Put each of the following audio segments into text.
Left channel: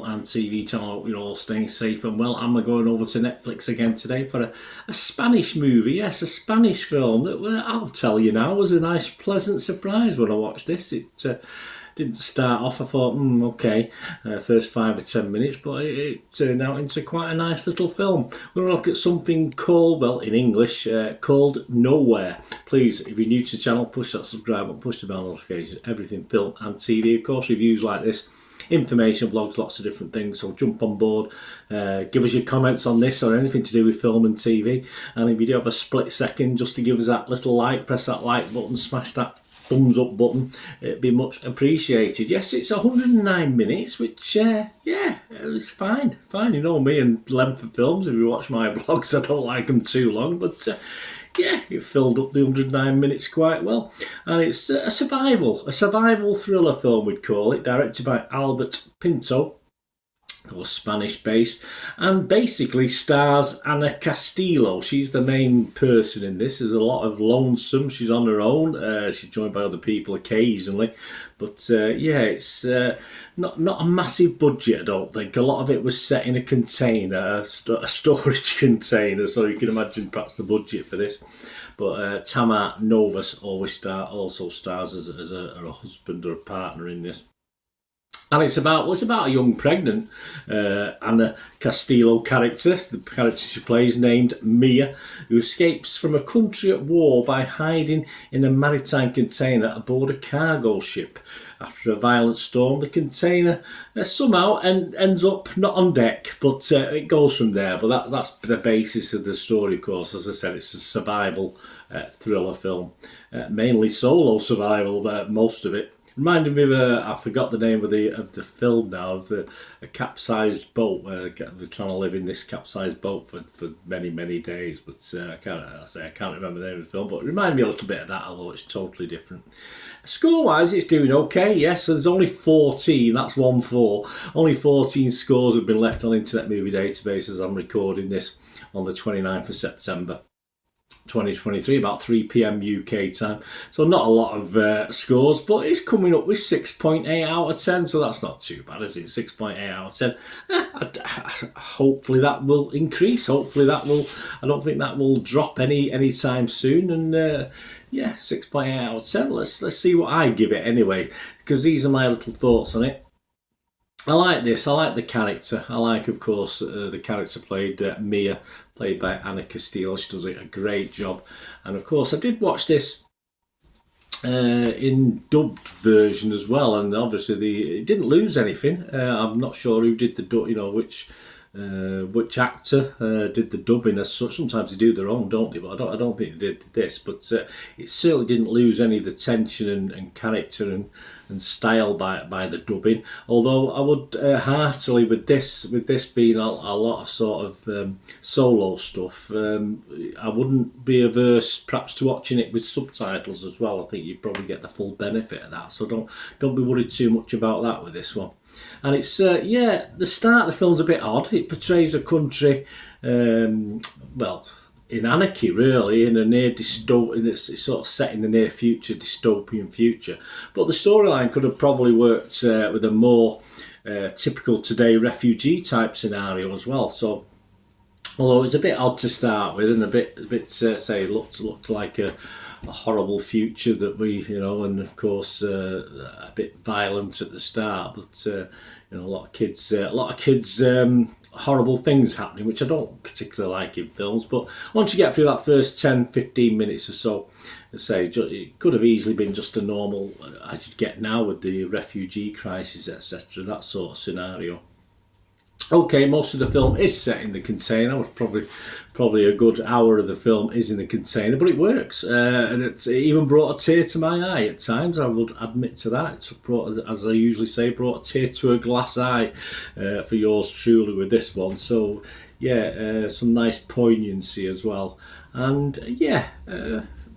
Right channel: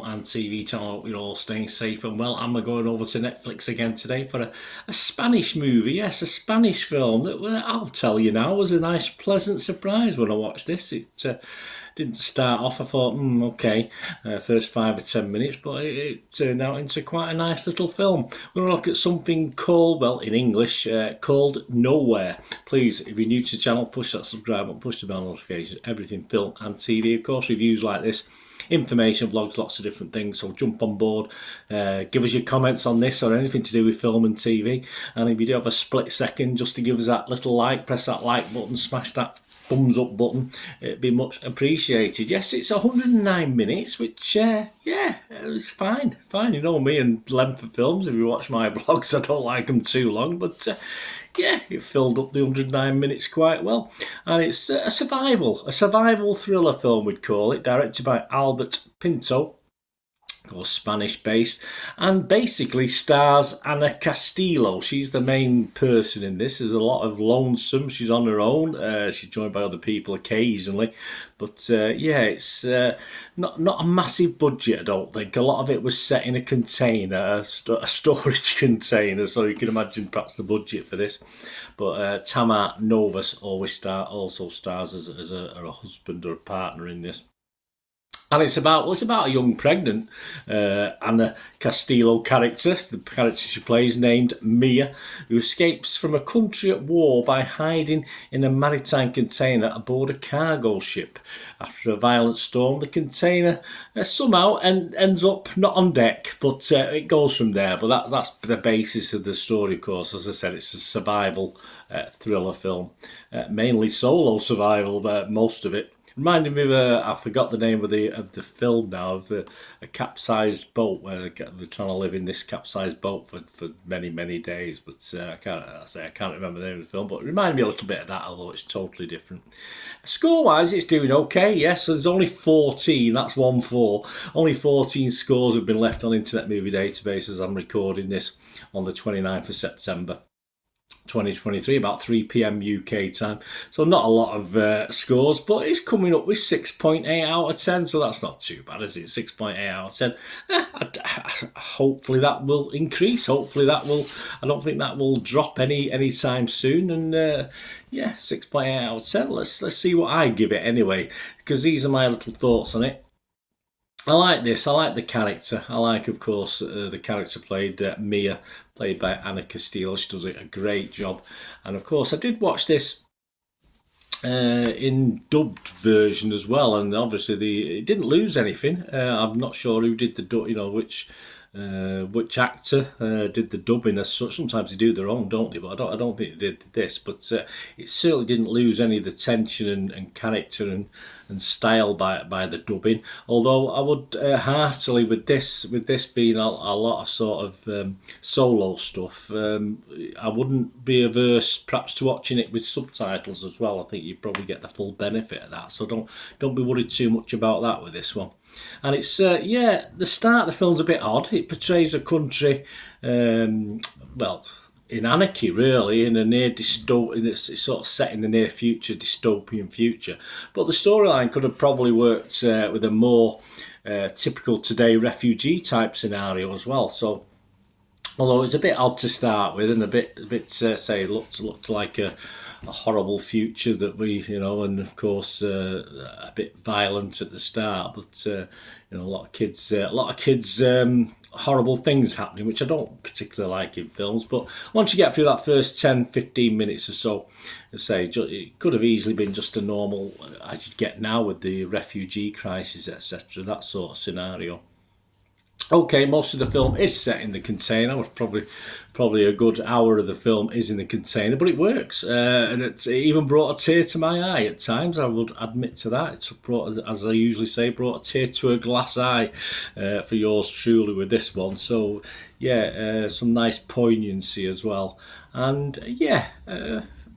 film and TV channel. Hope you're all staying safe and well. And we're going over to Netflix again today for a Spanish movie. Yes, a Spanish film that, well, I'll tell you now, was a nice, pleasant surprise when I watched this. It didn't start off, I thought, okay, first 5 or 10 minutes, but it turned out into quite a nice little film. We're going to look at something called, well, in English, called Nowhere. Please, if you're new to the channel, push that subscribe button, push the bell notification, everything film and TV. Of course, reviews like this, information, vlogs, lots of different things, so jump on board, give us your comments on this or anything to do with film and TV, and if you do have a split second just to give us that little like, press that like button, smash that thumbs up button, it'd be much appreciated. Yes, it's 109 minutes, which it's fine, you know me and length of films. If you watch my vlogs, I don't like them too long, but it filled up the 109 minutes quite well. And it's a survival thriller film, we'd call it, directed by Albert Pinto, or Spanish based, and basically stars Ana Castillo. She's the main person in this. There's a lot of lonesome. She's on her own. She's joined by other people occasionally, but it's not a massive budget, I don't think. A lot of it was set in a container, a storage container, so you can imagine perhaps the budget for this. But Tamar Novas also stars as a husband or a partner in this. And it's about a young pregnant Ana Castillo character, the character she plays, named Mia, who escapes from a country at war by hiding in a maritime container aboard a cargo ship. After a violent storm, the container somehow ends up not on deck, but it goes from there. But that's the basis of the story, of course. As I said, it's a survival thriller film, mainly solo survival, most of it. Reminded me of I forgot the name of the film now, of a capsized boat where they're trying to live in this capsized boat for many days. But I can't remember the name of the film. But it reminded me a little bit of that, although it's totally different. Score-wise, it's doing okay. Yes, so there's only 14. That's 1-4. Only 14 scores have been left on Internet Movie Database as I'm recording this on the 29th of September. 2023, about 3 p.m. UK time. So not a lot of scores, but it's coming up with 6.8 out of 10, so that's not too bad, is it? 6.8 out of 10. Hopefully that will increase. Hopefully that will, I don't think that will drop any time soon. And 6.8 out of 10. Let's see what I give it anyway, because these are my little thoughts on it. I like this. I like the character. I like, of course, the character played Mia, played by Ana Castillo. She does a great job. And of course, I did watch this in dubbed version as well. And obviously, it didn't lose anything. I'm not sure who did the dub. Which actor did the dubbing as such. Sometimes they do their own, don't they? But I don't think they did this. But it certainly didn't lose any of the tension and character and style by the dubbing. Although I would heartily, with this being a lot of sort of solo stuff, I wouldn't be averse perhaps to watching it with subtitles as well. I think you'd probably get the full benefit of that. So don't be worried too much about that with this one. And it's the start of the film's a bit odd. It portrays a country, in anarchy, really, in a near dystopian. It's sort of set in the near future, dystopian future. But the storyline could have probably worked with a more typical today refugee type scenario as well. So, although it's a bit odd to start with, and a bit looked like a horrible future that we, and of course a bit violent at the start, but a lot of kids, horrible things happening, which I don't particularly like in films. But once you get through that first 10-15 minutes or so, it could have easily been just a normal, as you get now with the refugee crisis, etc., that sort of scenario. Okay, most of the film is set in the container, which probably a good hour of the film is in the container, but it works, and it even brought a tear to my eye at times. I would admit to that. It's brought, as I usually say, brought a tear to a glass eye for yours truly with this one. So some nice poignancy as well, and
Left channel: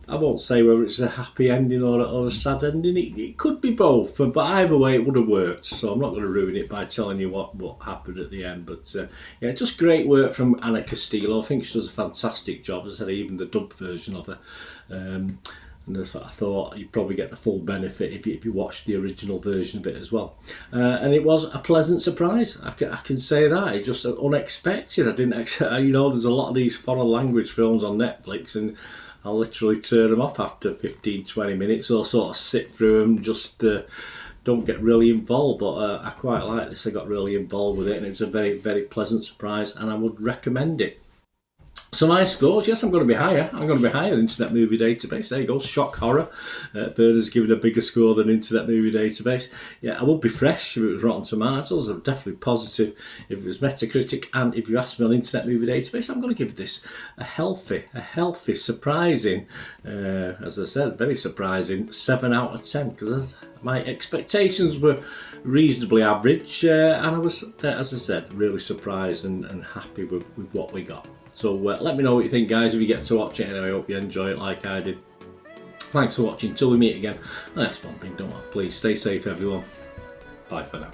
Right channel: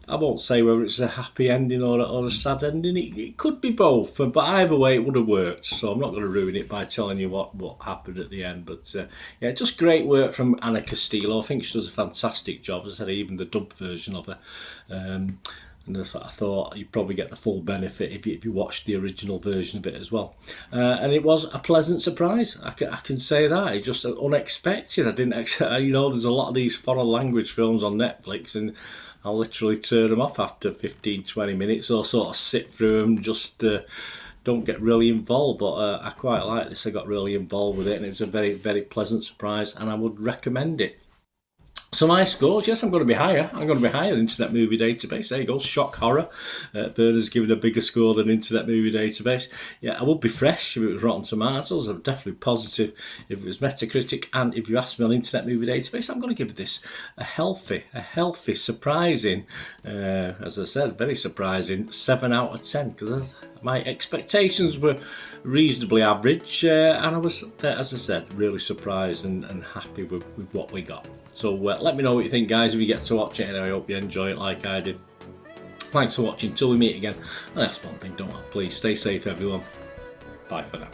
I won't say whether it's a happy ending or a sad ending. It could be both, but either way it would have worked. So I'm not going to ruin it by telling you what happened at the end. But just great work from Ana Castillo. I think she does a fantastic job. As I said, even the dub version of her. And I thought you'd probably get the full benefit if you watched the original version of it as well. And it was a pleasant surprise. I can say that. It just unexpected. I didn't expect, there's a lot of these foreign language films on Netflix, and I'll literally turn them off after 15-20 minutes, or sort of sit through them, just don't get really involved. But I quite like this. I got really involved with it, and it was a very, very pleasant surprise, and I would recommend it. So my scores, yes, I'm going to be higher. I'm going to be higher than Internet Movie Database. There you go, shock horror. Bird has given a bigger score than Internet Movie Database. Yeah, I would be fresh if it was Rotten Tomatoes. I'm definitely positive if it was Metacritic. And if you ask me on Internet Movie Database, I'm going to give this a healthy, surprising, as I said, very surprising 7 out of 10. Because my expectations were reasonably average, and I was, as I said, really surprised and happy with what we got. So let me know what you think, guys, if you get to watch it, and I hope you enjoy it like I did. Thanks for watching. Till we meet again. Last one thing, don't worry, please stay safe, everyone. Bye for now.